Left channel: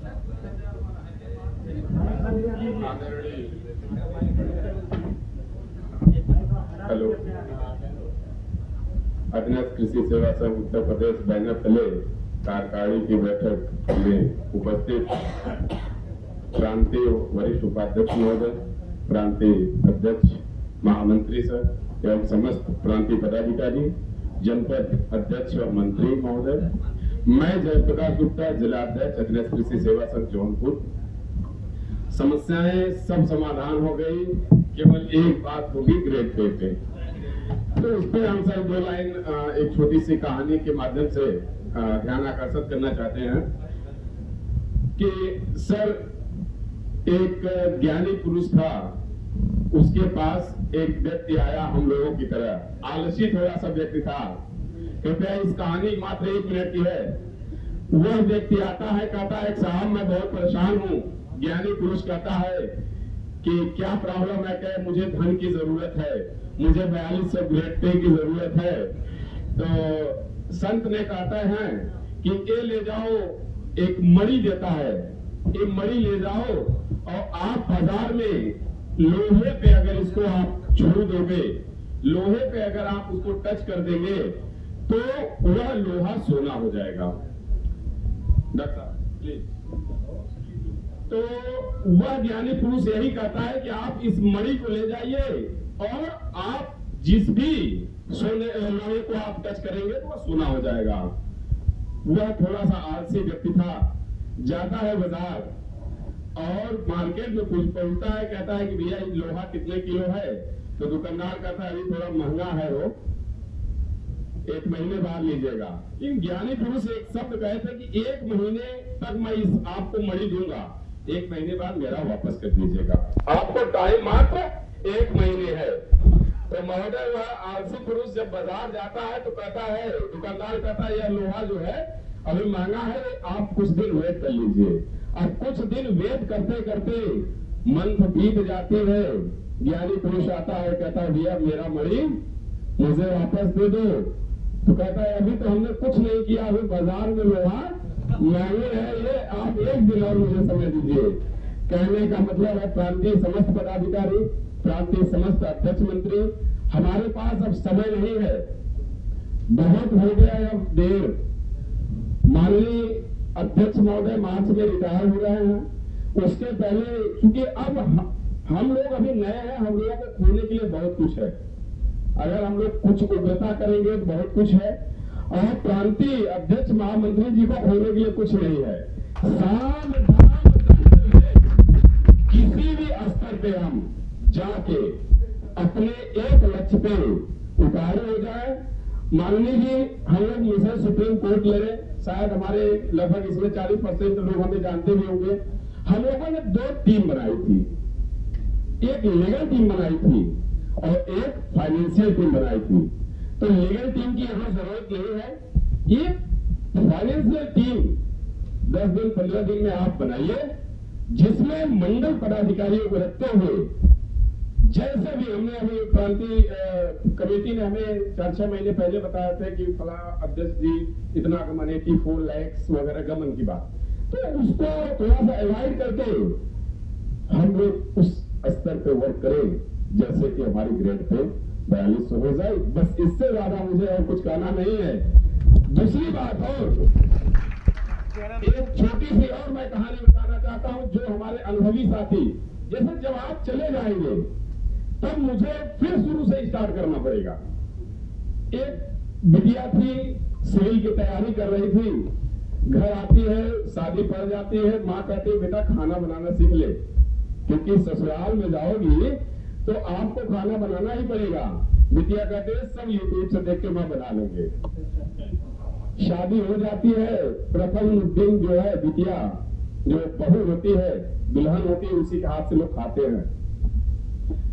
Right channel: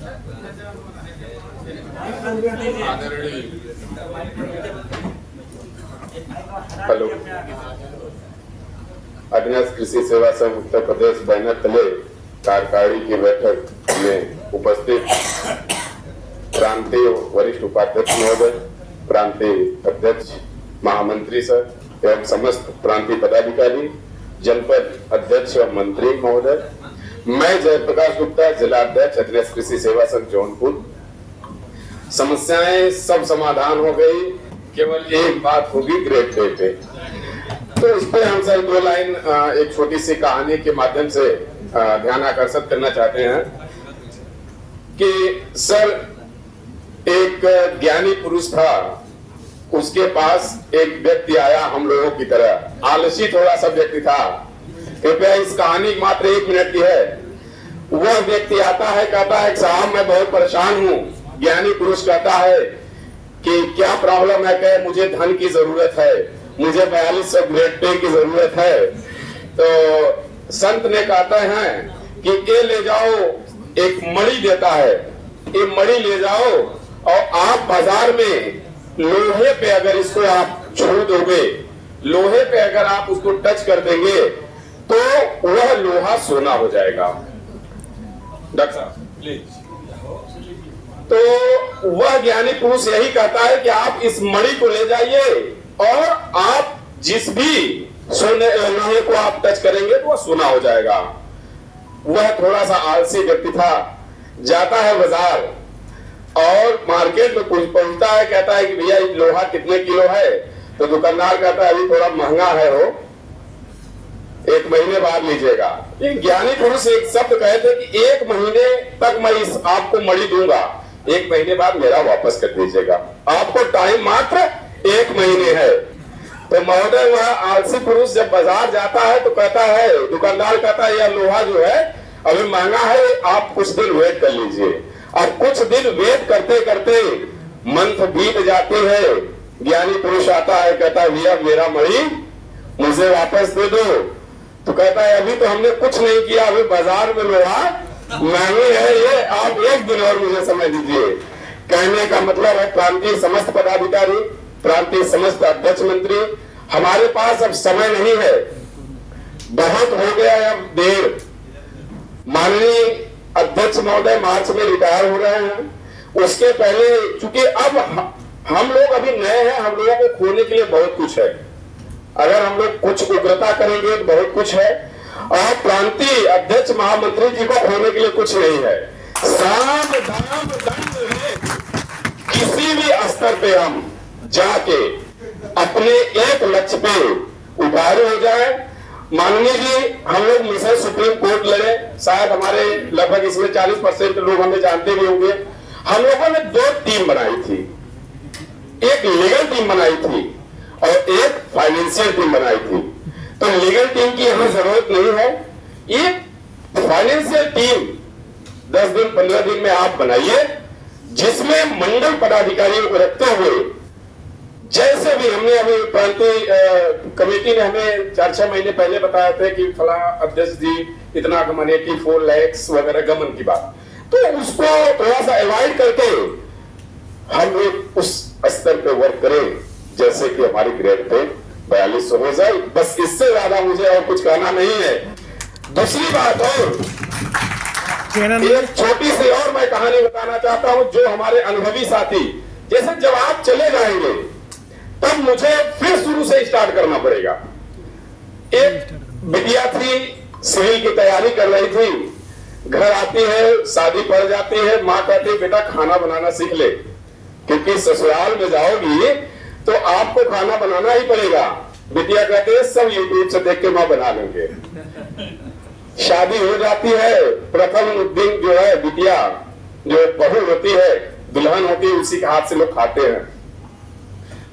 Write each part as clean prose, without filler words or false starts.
Hello, अज्ञात कृषि सेवा संघ उत्तर प्रदेश बैनर तले कार्यकारिणी की बैठक में उपस्थित प्रांतीय वरिष्ठ उपाध्यक्ष महोदय, प्रांतीय अध्यक्ष महामंत्री सर एवं समस्त प्रांतीय पदाधिकारी, जनपद अध्यक्ष और मंत्री महोदय, मैं जयप्रकाश गुप्ता, जिला अध्यक्ष अज्ञात कृषि सेवा संघ जौनपुर। समस्याएं सब समाधान हो गई, केवल एक बात होगी ग्रेड पे। तो इस पे हम सर दो लाइन एक छोटी सी कहानी के माध्यम से ध्यान आकर्षित करना चाहते हैं कि सर एक ज्ञानी पुरुष था, उसके पास एक व्यक्ति आया हम लोगों की तरह, आलसी थोड़ा सा व्यक्ति था। कृपया इस कहानी मात्र 1 मिनट की है। वह व्यक्ति आता है, कहता है साहब मैं बहुत परेशान हूँ। ज्ञानी पुरुष कहता है कि क्या प्रॉब्लम है? कहे मुझे धन की जरूरत है, मुझे 4200 ग्रेड पे की जरूरत है। तो संत ने कहते हैं कि ये ले जाओ, एक मणि देता है, ये मणि ले जाओ और आप बाजार में लोहे पे अगर इसको आप छू दोगे, लोहे पे अगर आप उसको टच कर देंगे तो वह लोहा सोना हो जाएगा। डॉक्टर साहब प्लीज। तो वह ज्ञानी पुरुष यही कहता है कि आप इस मणि को ले जाइए और आप जिस भी सोने लोहे को आप टच करेंगे तो वह सोना हो जाएगा। वह थोड़ा सा आलसी व्यक्ति था, जाता है बाजार और मार्केट में कुछ पहुंचता है, कहता है कि भैया लोहा कितने किलो है? तो दुकानदार कहता है अभी थोड़ा महंगा है, हो 1 महीने बाद लीजिएगा। एक ज्ञानी पुरुष एक शब्द कहे थे कि 1 महीने तक मैं इस आपको मणि दूंगा, 1 महीने बाद मेरा वापस कर दीजिएगा। आपको टाइम मात्र 1 महीने है। तो महोदय वह आलसी पुरुष जब बाजार जाता है तो कहता है, दुकानदार कहता है यह लोहा जो है अभी महंगा है, आप कुछ दिन वेट कर लीजिए। और कुछ दिन वेट करते करते मंथ बीत जाती है। ज्ञानी पुरुष आता है, कहता है भैया मेरा मणि मुझे वापस दे दो। तो कहता है अभी तो हमने कुछ नहीं किया, अभी बाजार में लोहा महंगे है, ये आप 1 दिन और मुझे समय दीजिए। कहने का मतलब है प्रांतीय समस्त पदाधिकारी, प्रांतीय समस्त अध्यक्ष मंत्री, हमारे पास अब समय नहीं है, बहुत हो गया है अब देर। माननीय अध्यक्ष महोदय मार्च में रिटायर हो रहे हैं, उसके पहले चूंकि अब हम लोग अभी नए हैं, हम लोगों को खोने के लिए बहुत कुछ है। अगर हम लोग कुछ उग्रता करेंगे तो बहुत कुछ है, और प्रांतीय अध्यक्ष महामंत्री जी को खोने के लिए कुछ नहीं है। साम दाम दंड है, किसी भी स्तर पे हम जाके अपने एक लक्ष्य पे उतारू हो जाए। माननीय जी हम लोग मिशन सुप्रीम कोर्ट लड़े, शायद हमारे लगभग इसमें 40% लोग हमें जानते भी होंगे। हम लोगों ने 2 टीम बनाई थी, एक लीगल टीम बनाई थी और एक फाइनेंशियल टीम बनाई थी। तो लीगल टीम की हमें जरूरत नहीं है, ये फाइनेंशियल टीम 10 दिन 15 दिन में आप बनाइए, जिसमें मंडल पदाधिकारियों को रखते हुए, जैसे भी हमने अभी प्रांतीय कमेटी ने हमें 4-6 महीने पहले बताया था कि फला अध्यक्ष जी इतना गमन 84 लाख वगैरह गमन की बात, तो उसको थोड़ा सा अवॉइड करके हम लोग उस स्तर पे वर्क करें जैसे कि हमारी ग्रेड पे 4200 हो जाए। बस इससे ज्यादा मुझे और कुछ कहना नहीं है। दूसरी बात और एक छोटी सी और मैं कहानी बताना चाहता हूं, जो हमारे अनुभवी साथी, जैसे जब आप चले जाएंगे तब मुझे फिर शुरू से स्टार्ट करना पड़ेगा। एक बिटिया थी, सिविल की तैयारी कर रही थी, घर आती है, शादी पड़ जाती है, माँ कहती है बेटा खाना बनाना सीख ले, क्योंकि ससुराल में जाओगी तो आपको खाना बनाना ही पड़ेगा। बिटिया कहते हैं सब यूट्यूब से देख के माँ बना लेंगे। शादी हो जाती है, प्रथम दिन जो है बिटिया जो बहू होती है, दुल्हन होती है, उसी के हाथ से लोग खाते हैं।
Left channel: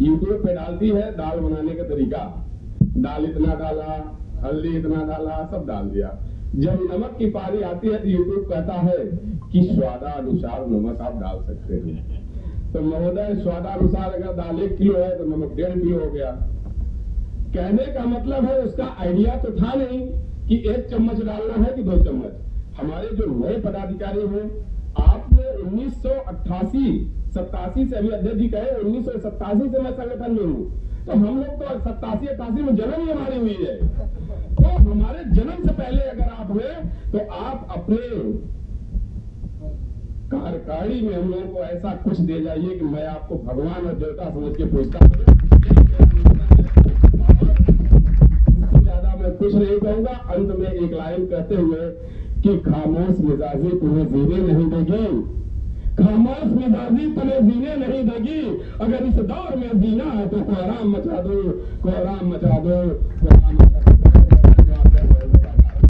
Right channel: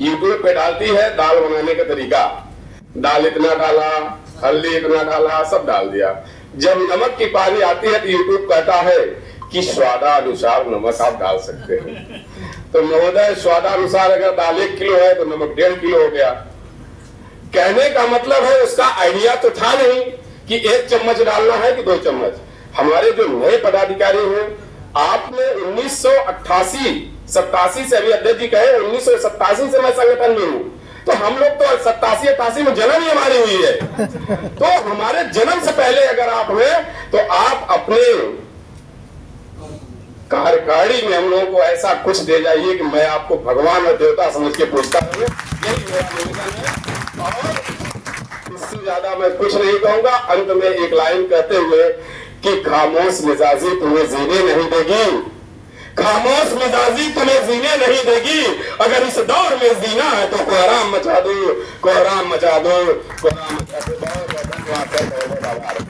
यूट्यूब पे डालती है दाल बनाने का तरीका, दाल इतना डाला, हल्दी इतना डाला, सब डाल दिया। जब नमक की पारी आती है तो यूट्यूब कहता है कि स्वादानुसार नमक आप डाल सकते हैं। तो महोदय स्वादानुसार अगर दाल 1 किलो है तो नमक 1.5 किलो हो गया। कहने का मतलब है उसका आइडिया तो था नहीं कि 1 चम्मच डालना है कि 2 चम्मच। हमारे जो नए पदाधिकारी हैं आपने 1988-87 से, अभी अध्यक्ष जी कहे 1987 से मैं संगठन में हूं, तो हम लोग तो 87-88 में जन्म ही हमारी हुई है। तो हमारे जन्म से पहले अगर आप हुए तो आप अपने कार्यकारिणी में हम लोगों को ऐसा कुछ दे जाइए कि मैं आपको भगवान और देवता समझ के पूछता हूँ। यही मेरा निवेदन है और इससे ज्यादा मैं कुछ नहीं कहूंगा। अंत में एक लाइन कहते हुए कि खामोश मिजाजी तुम्हें जीने नहीं देगी, खामोश मिजाजी तुम्हें जीने नहीं देगी, अगर इस दौर में जीना है तो कोहराम मचा दो, कोहराम मचा दो, कोहराम मचा दो।